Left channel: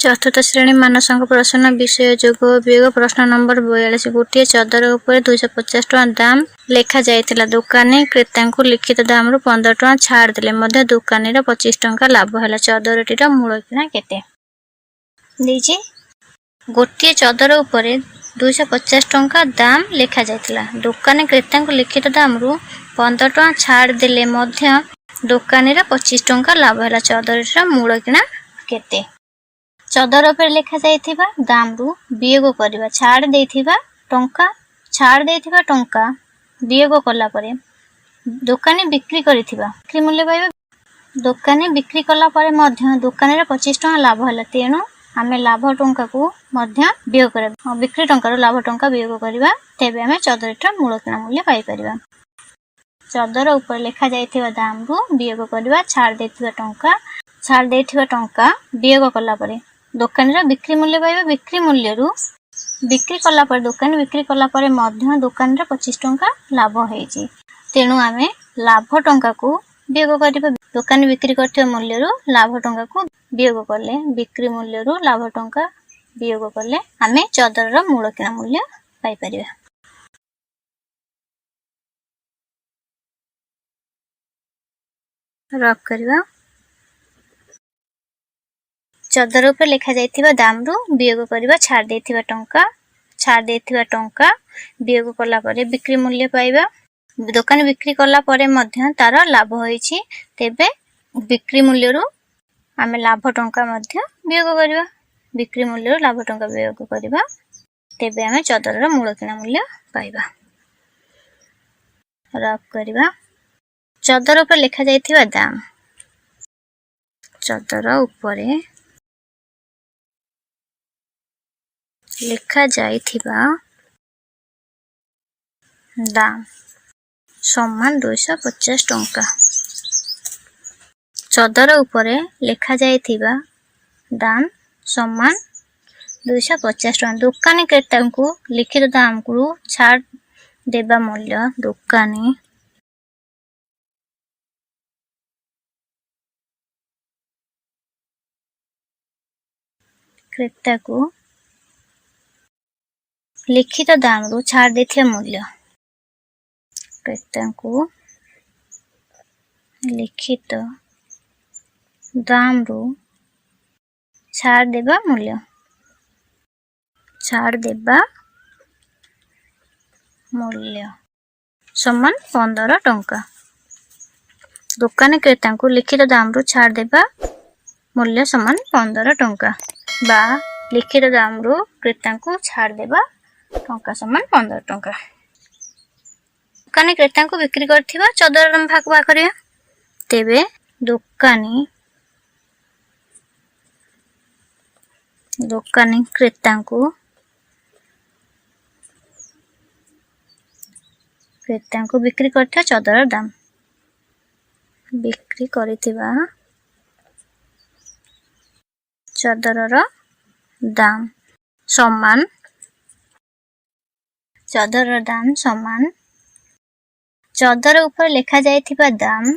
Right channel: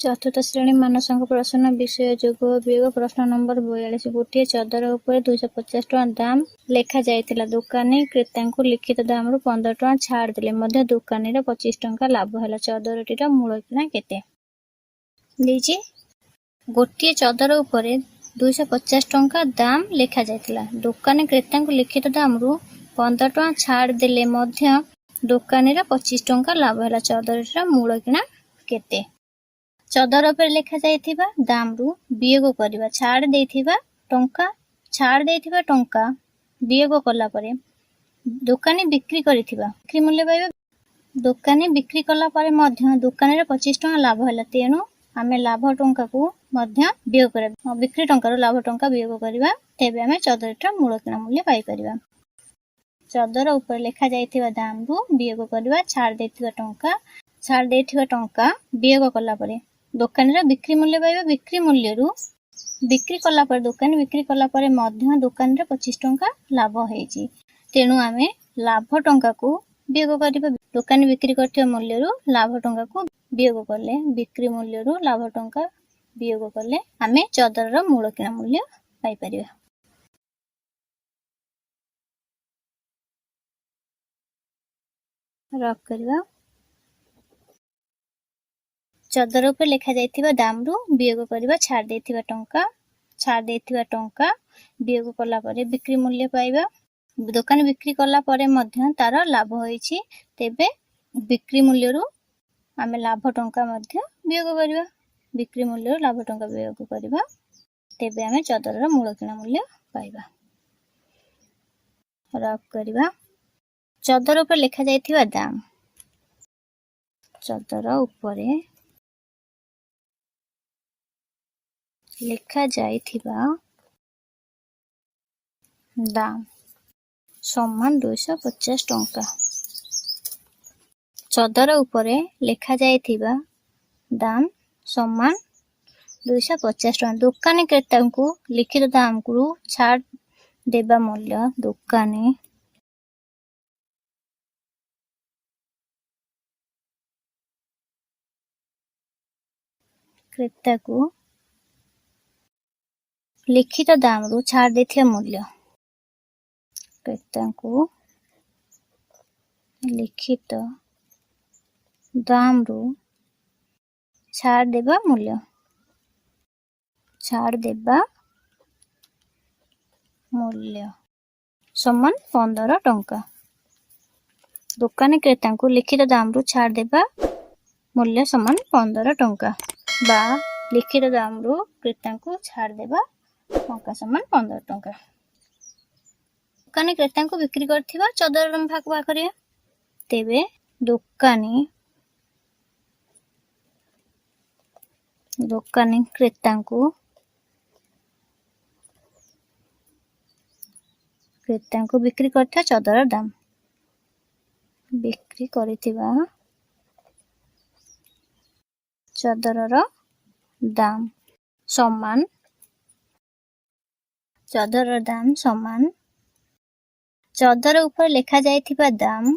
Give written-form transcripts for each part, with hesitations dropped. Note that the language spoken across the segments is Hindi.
चतुर्थ श्रेणी मानसंक प्रश्न विषय जोग वियोग प्रश्न नंबर 42। गोटे चदर उपर 250 टका दाम लेखा जाइतिला। दुकानी क्रेता को लिखित दाम रु 15 टका छाड़ देले मध्य दुकानी 25 टका लाभ है। चदरटीर मूल किना केते दीजिए। गोटे चदर उपर 250 टका दाम लेखा जाइतिला। दुकानी क्रेता को लिखित दाम रु 15 टका छाड़ देले मध्य दुकानी 25 टका लाभ है। चदरटीर मूल किना केते। चदर पर लिखा जाइथिबा दाम रु वियोग करबा छाड़ देथिबा टंका वियोग कला परे दुकानी बिक्री करिथिबा बिक्री मूल्य पाइबा। दुकानी बिक्री कला परे मध्य दुकानी 25 टका लाभ हला। तेणु आमे लाभ टंका को मध्य वियोग करबा बिक्री टंका लाभ टंका वियोग करबा। तेबे आमे चदरटा मूल किना मूल्य पाई परिबा। चदर ऊपर लिखा जाइथिबा दाम रु वियोग करबा छाड़ देथिबा टंका वियोग कला परे दुकानी बिक्री मूल्य पाइबा। बिक्री मूल्य रु बिक्री कला पर दुकानी बिक्री कला पर मध्य दुकान 25 टका लाभ होइछि। तेणु आमे लाभ टंका को वियोग करबा। दुकानी बिक्री करथिबा मूल्य रु लाभ टंका को वियोग करले बिक्री मूल्य रु लाभ टंका वियोग करले आमे चदर रो मूल किना मूल्य पाई परिबा। रफ करबा। चदर उपर लिखा जाइथिबा दाम रु वियोग करबा छाड़ देथिबा टंका वियोग कला परे बिक्री मूल्य पाइबा। दुकान बिक्री कला परे मध्य तार लाभ होइछि। तेबे बिक्री मूल्य रु आमे लाभ टंका मध्य वियोग करबा। बिक्री मूल्य रु लाभ टंका वियोग करबा। तेबे आमे चदर रो मूल किना मूल्य पाइबा। रफ करबा। चदर उपर लिखा जाइथिबा दाम चदर उपरे लिखा जाइथिबा दाम समान 250 टंका। चदर उपरे लिखा जाइथिबा दाम समान 250 टंका। दुकानी क्रेता को लिखित दाम को छाड़ देबा मूल्य दुकानी क्रेता को लिखित दाम रु छाड़ देथिबा मूल्य क्रेता को लिखित दाम रु छाड़ देबा मूल्य समान 15 टंका। दुकानी क्रेता को लिखित दाम रु छाड़ देबा मूल्य समान 15 टंका बा लिखित दाम रु क्रेता को छाड़ देबा टंका समान 15 टंका। दुकानी क्रेता को बिक्री करथिबा चदर भाग भाग करिया। तेबे दुकानी क्रेता को बिक्री करथिबा चदर दाम बिक्री करिथिबा चदर दाम समान चदर ऊपर लिखा जाइथिबा दाम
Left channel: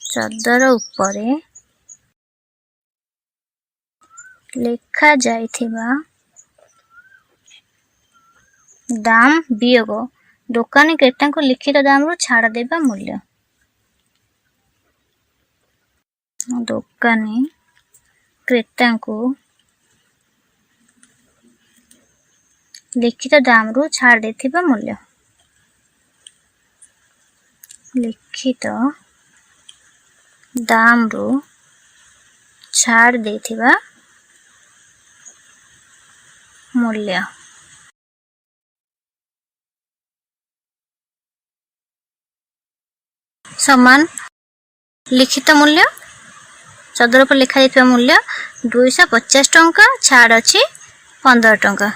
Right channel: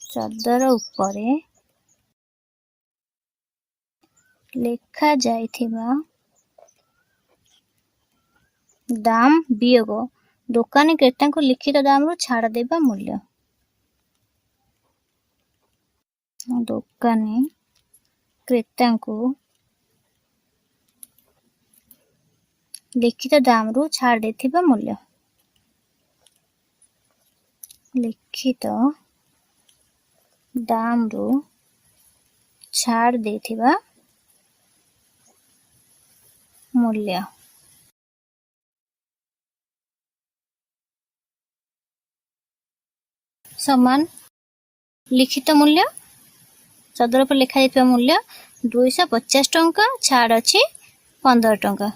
चदर उपरे लिखा जाइथिबा दाम वियोग दुकानी क्रेता को लिखित दाम रु छाड़ देबा मूल्य दुकानी क्रेता को लिखित दाम रु छाड़ देथिबा मूल्य लिखित दाम रु छाड़ देथिबा मूल्य समान लिखित मूल्य चदर पर लिखा जाइथिबा मूल्य 250 टंका छाड़ अछि 15 टंका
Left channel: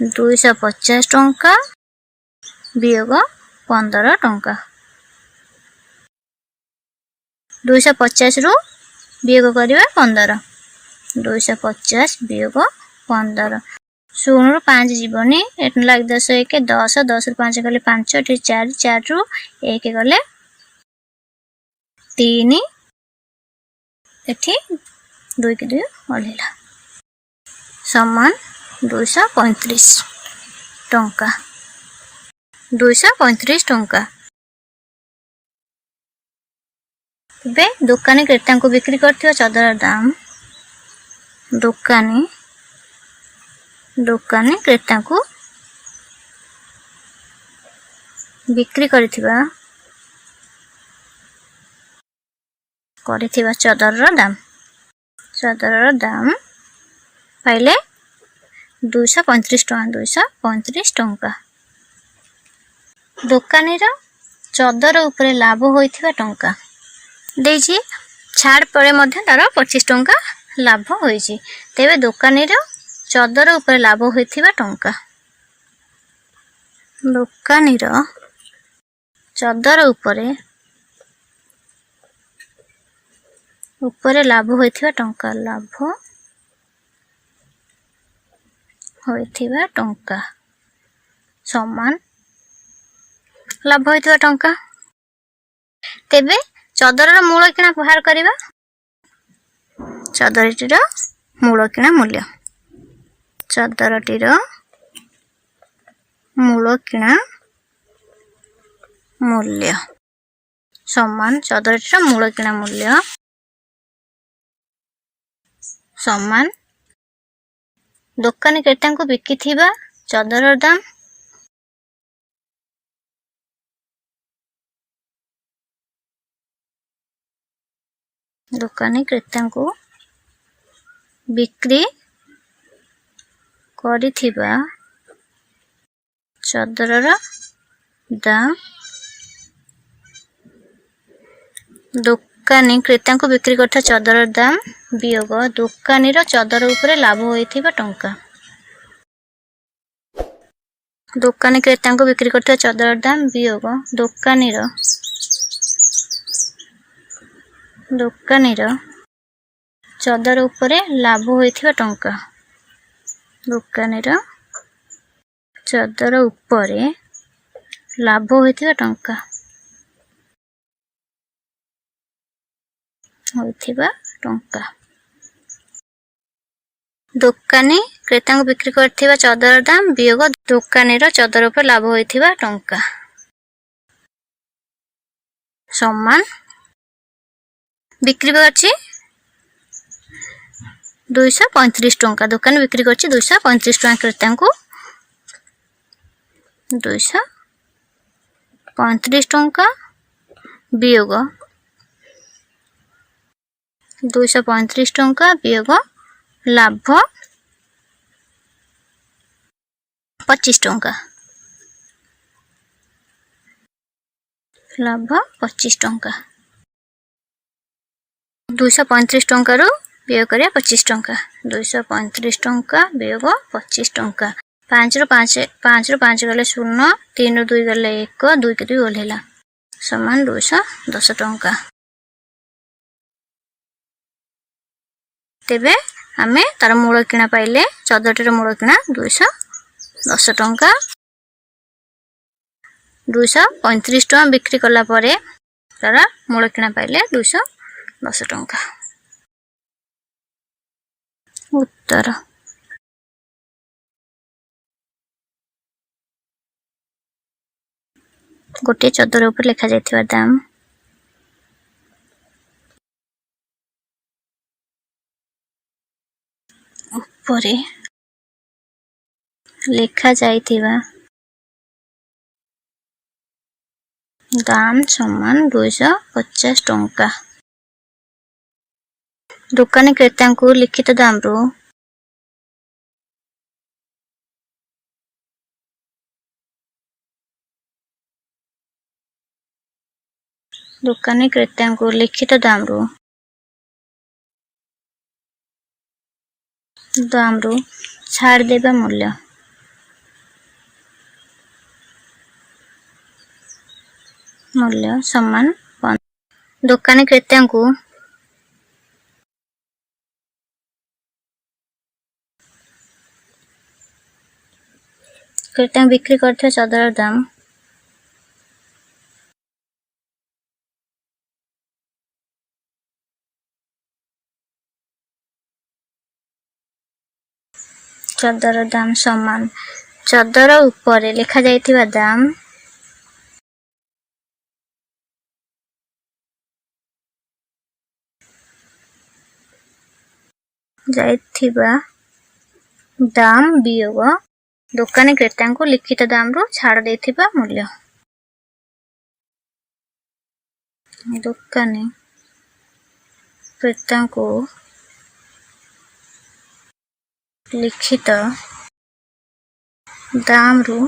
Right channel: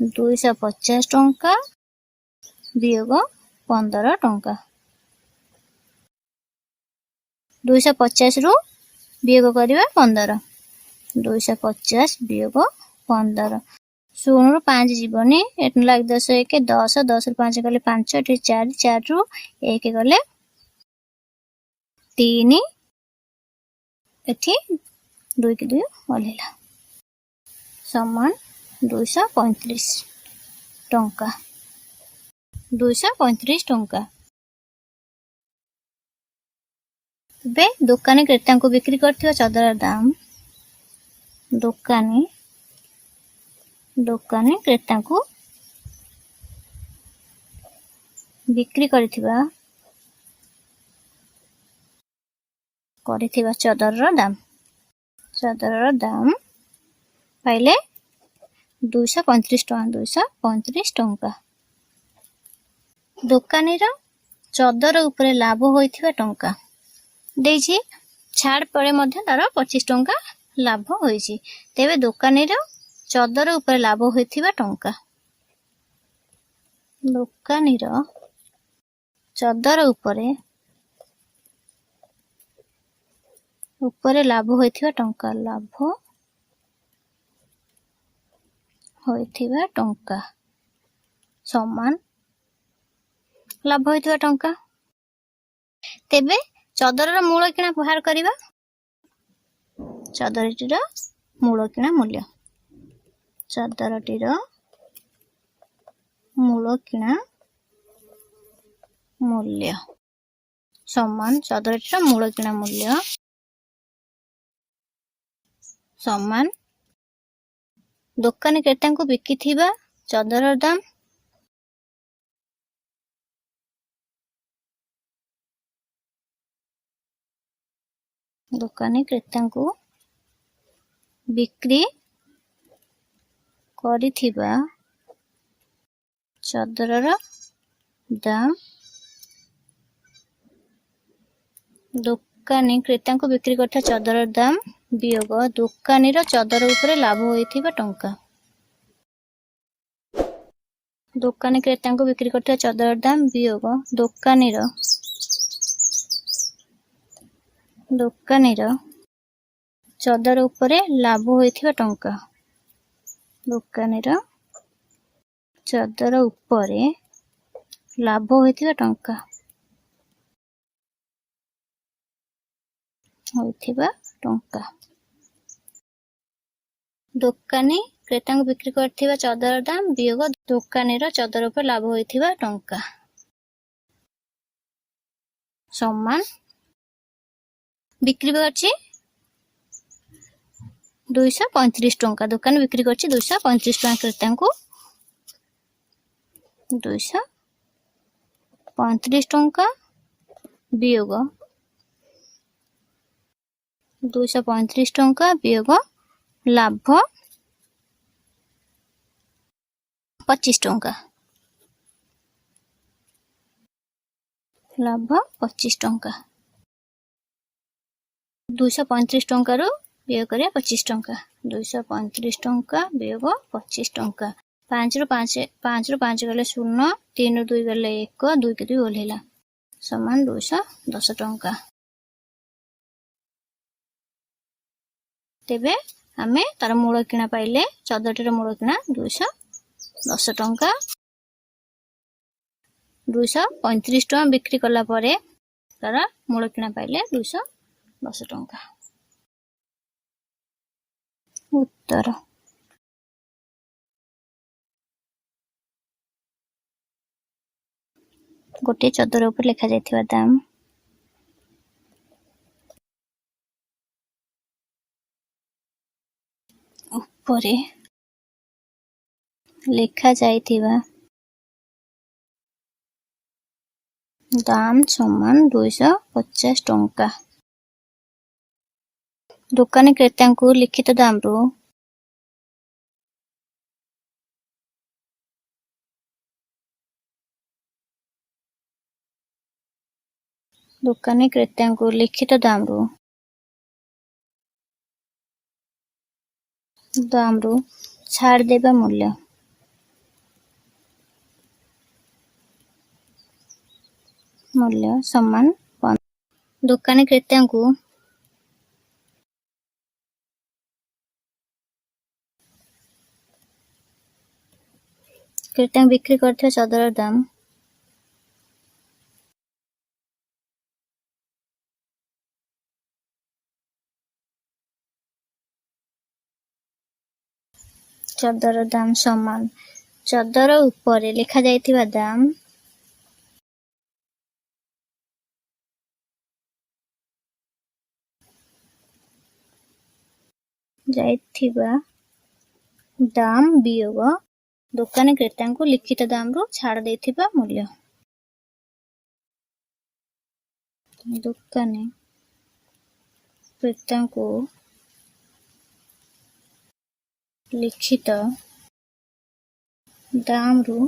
250 टंका वियोग 15 टंका 250 रु वियोग करबा 15 250 वियोग 15 0 रु 5 जीवनी 8 लाख 10 1 10 10 रु 5 गले 5 एठी 4 4 रु 1 गले 3 एठी 2 के 2 ओल्हेला समान 235 टंका 235 टंका। बे दुकानी क्रेता को बिक्री करथिबा चादर दाम दुकानी क्रेता को बिक्री करथिबा चादर दाम पाइले 235 टंका। दुकानी चादर उपरे लाभ होइथिबा टंका देछि छाड़ परे मध्य तार 25 टंका लाभ होइछि। तेबे दुकानी चादर उपरे लाभ होइथिबा टंका दुकानी चादर उपरे लाभ होइथिबा टंका समान लाभ होइथिबा टंका। तेबे चादर मूल किणा बाहर करिबा चादरटीर मूल किणा मूल्य चादरटीर मूल किणा मूल्य समान चादरटीर मूल किणा मूल्य समान दुकानी क्रेता को बिकिथिबा चादर दाम दुकानी क्रेता को बिक्री करिथिबा चादर दाम दुकानी क्रेता को बिक्री करथा चादर दाम वियोग दुकानी चादर उपरे लाभ होइथिबा टंका। दुकानी क्रेता को बिक्री करथा चादर दाम वियोग दुकानी चादर उपरे लाभ होइथिबा टंका दुकानी चादर उपरे लाभ होइथिबा टंका दुकानी क्रेता को बिक्री करथिबा चादर दाम वियोग दुकानी चादर उपरे लाभ होइथिबा टंका समान बिक्री करछि 235 टंका दुकान बिक्री करछि 235 टंका क्रेता को 235 टंका वियोग 235 टंका वियोग लाभ 25 टंका 25 टंका 235 टंका रो वियोग करिया 25 टंका 235 टंका वियोग 25 टंका 5 रो 5 गले 0 3 रो 2 गले 1 2 के 2 ओल्हेला समान 210 टंका। तेबे आमे तार मूल किणा पाइले चादरटीर मूल किणा 210 टंका 235 टंका बिक्री कला परे तार मूल किणा पाइले 210 टंका। उत्तर गोटे चादर ऊपर लिखा जायथिबा दाम ऊपर लिखा जायथिबा दाम समान 250 टंका। दुकानी क्रेता को लिखित दाम रो दुकानी क्रेता को लिखित दाम रो छाड़ देबा मूल्य समान दुकानी क्रेता को क्रेता बिक्री करथिबा चादर दाम चदर दाम समान चदर ऊपर लिखा जाइथिबा दाम जाइथिबा दाम वियोग दुकानी क्रेता को लिखित दाम रु छाड़ देथिबा मूल्य। दुकानी क्रेता को लिखित दाम रु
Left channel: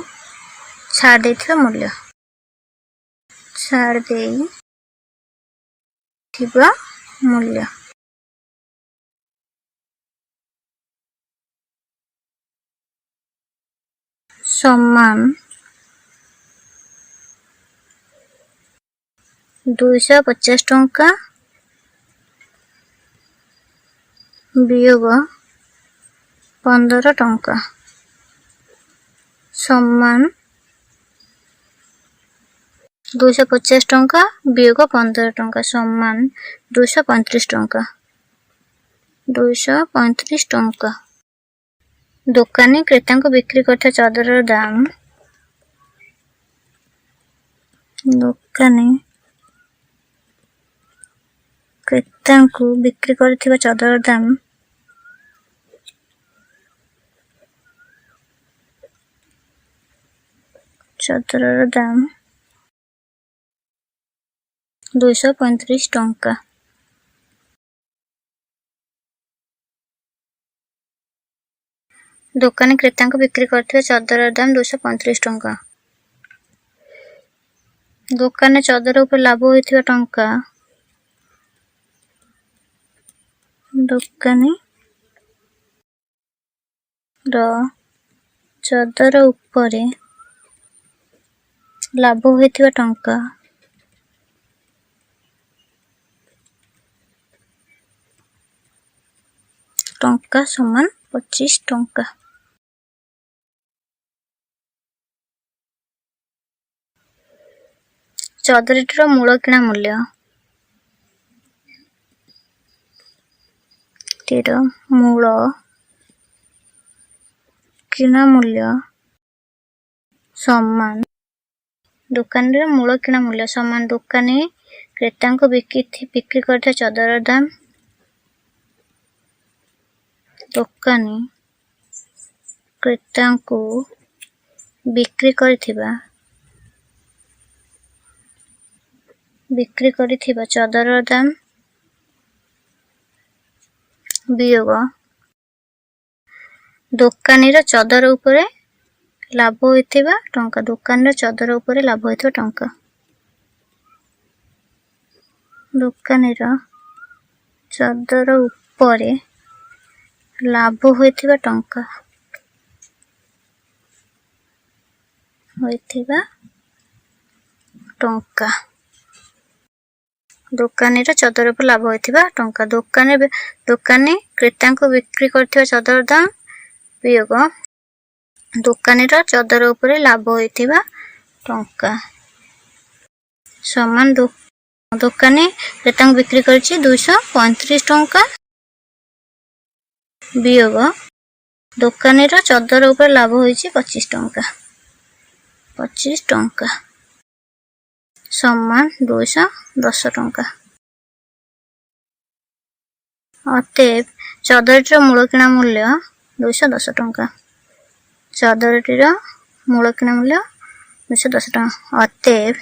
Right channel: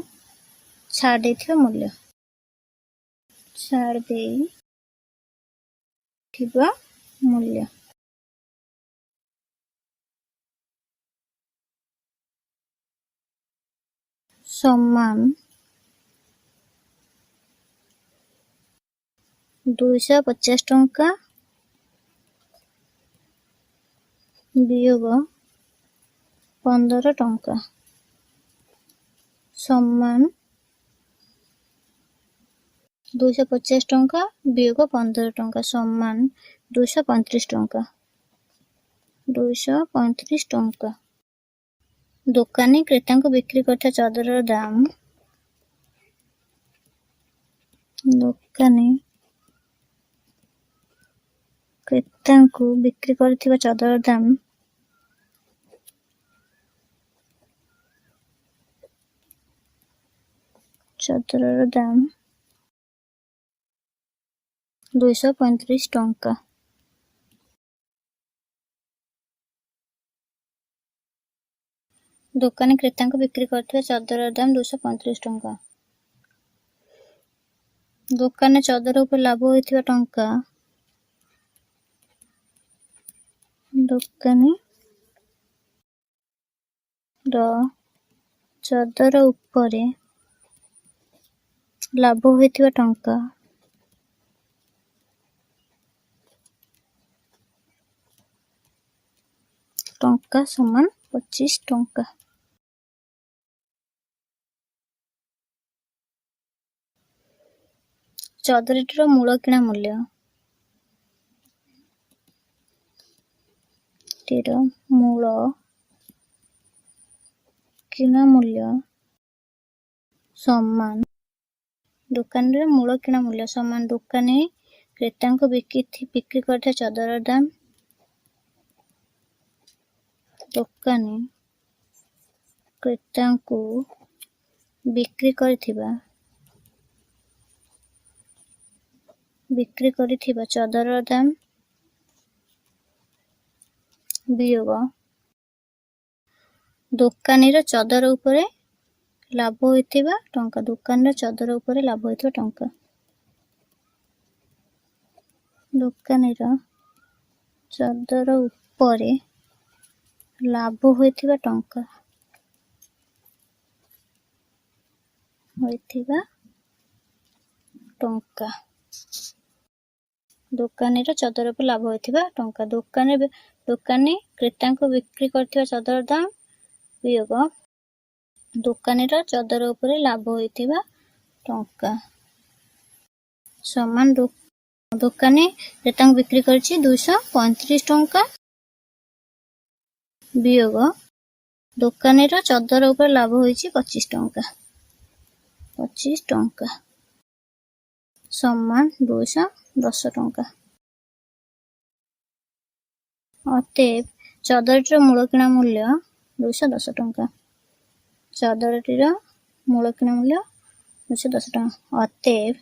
छाड़ देथिबा मूल्य छाड़ देथिबा मूल्य समान 250 टंका वियोग 15 टंका समान 250 टंका वियोग 15 टंका समान 235 टंका 235 टंका। दुकानी क्रेता को बिक्री करता चदर दाम दुकानी क्रेता को बिक्री करथिबा चदर दाम चदर दाम 235 टंका। दुकानी क्रेता को बिक्री करथिबा चदर दाम 235 टंका। दुकान चदर ऊपर लाभ होइथिबा टंका दुकानी चदर ऊपर लाभ होइथिबा टंका टंका समान 25 टंका। चदरटीर मूल किणा मूल्य मूल किणा मूल्य समान दुकान मूल किणा मूल्य समान दुकानी क्रेता को बिक्री करता चदर दाम दुकानी क्रेता को बिक्री करिथिबा चदर दाम वियोग दुकानी चदर ऊपर लाभ होइथिबा टंका दुकान चदर ऊपर लाभ होइथिबा टंका दुकानी चदर ऊपर लाभ होइथिबा टंका दुकानी चदर पर लाभ होइथिबा टंका दुकानी क्रेता को बिक्री करथिबा चदर दाम वियोग दुकानी चदर ऊपर लाभ होइथिबा टंका समान दुकानी क्रेता को बिक्री करछि 235 टंका वियोग दुकानी चदर ऊपर लाभ होइछि 25 टंका समान 210 टंका। अतएव चदरटीर मूल किणा मूल्य 210 टंका चदरटीर मूल किणा मूल्य 210 टंका अतएव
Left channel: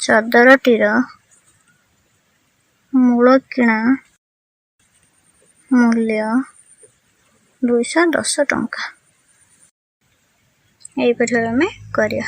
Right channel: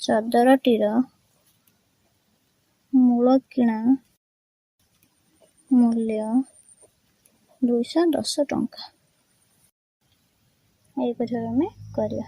चदरटीर मूल किणा मूल्य 210 टंका। यही पर हमें करिया।